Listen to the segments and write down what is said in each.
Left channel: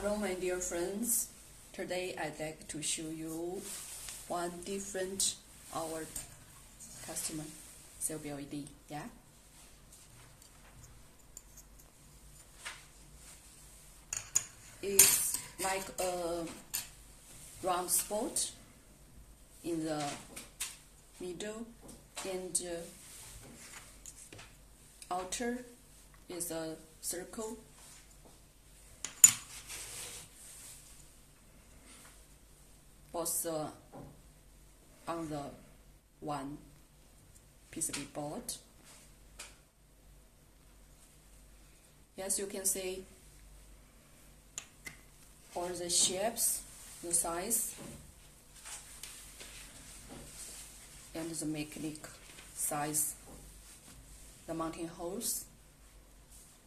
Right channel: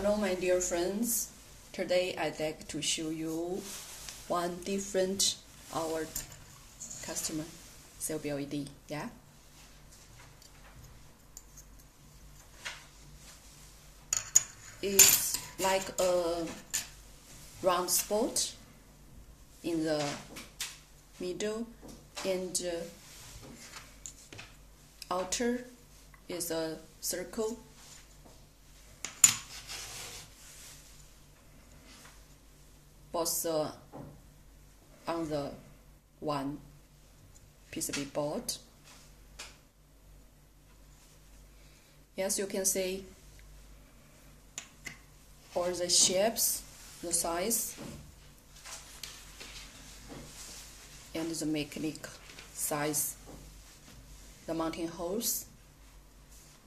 Hello my dear friends, today I'd like to show you one different our customer CLB-LED, yeah? It's like a round spot in the middle and outer is a circle. Both on the one PCB board. Yes, you can see all the shapes, the size, and the mechanic size, the mounting holes,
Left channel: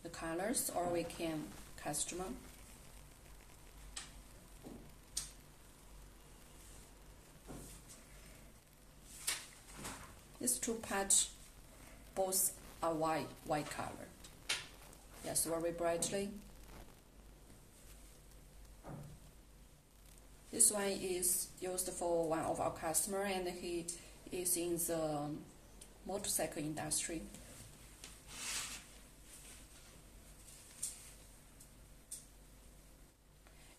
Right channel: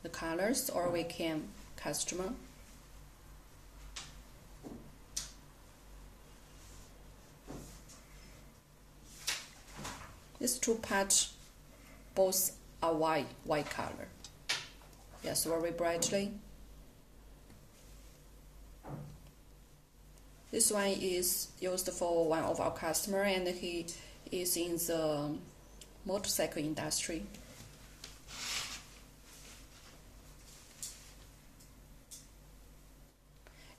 the colors, or we can customize. These two parts both are white color. Yes, very brightly. This one is used for one of our customer, and he is in the motorcycle industry.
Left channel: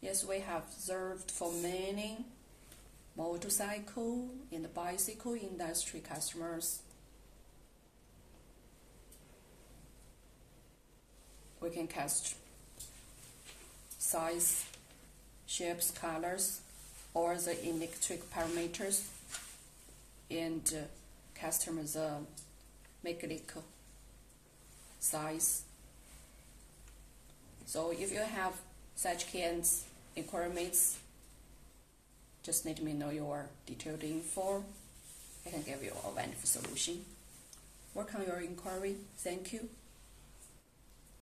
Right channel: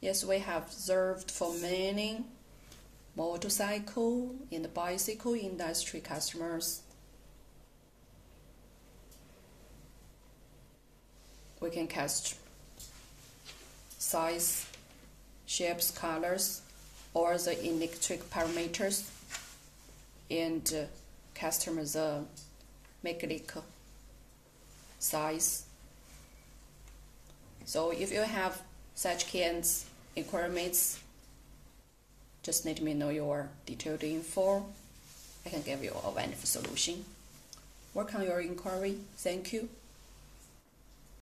Yes, we have observed for many motorcycle and bicycle industry customers. We can cast size, shapes, colors, or the electric parameters, and customize the mechanic size. So if you have such kinds requirements, just let me know your detailed info. I can give you a wonderful solution. Work on your inquiry. Thank you.